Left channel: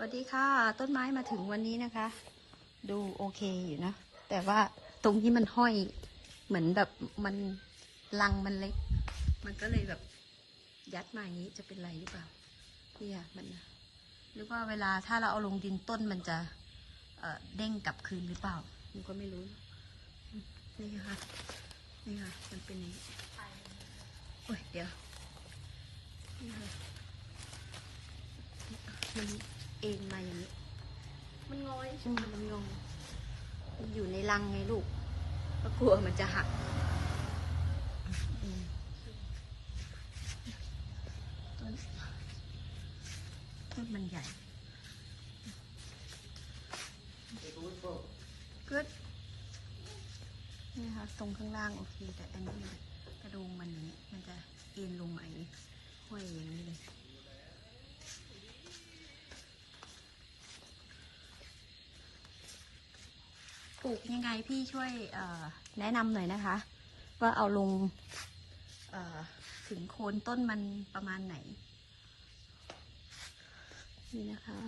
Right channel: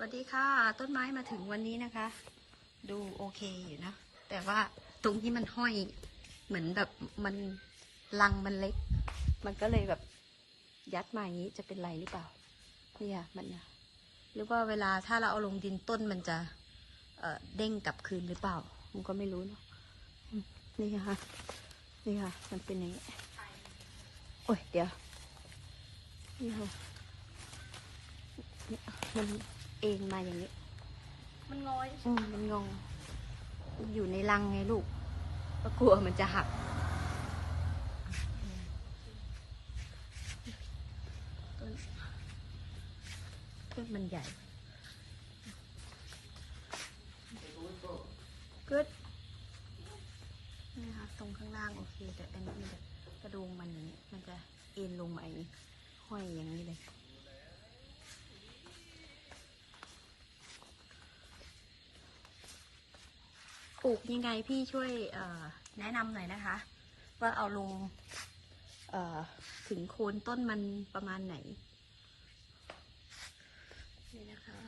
สวัสดีค่ะ ต้นไม้มาถึงวันนี้นะคะ ดูโอเคอยู่นะ แต่ว่าตรงที่มันห้อยเหมือนแบบมันรังมันเล็ก มันก็เลยแบบยัดมาอย่างนี้จะเป็นไรหรือเปล่า เนี่ยมันหรือว่าเวลาถ้าเราเอาลงดินต้นมันจะเออเด้งกลับคืนหรือเปล่าผมก็ไม่รู้นะนี่นะคะนี่ค่ะมันเป็นอย่างนี้โอ้ยเดี๋ยวนี่ค่ะ เองมาอย่างนี้มันงอย อืมมันงงมันอยู่ในรังไงลูกแล้วกลัวมันจะหักอะเออต้นต้นมันใหญ่ ก็นี่นะคะตรงข้างล่างโอเค แต่อันนี้มันจะกระโดงมันอย่างนี้ มันจะเอ็นลงมาอย่างนี้ห้อยอย่างนี้เลย ป ลูกยังไงพี่ช่วยแนะนำหน่อยนะคะ ว่าเอาลงถึงโคนต้นมันประมาณไหน นี่นะคะ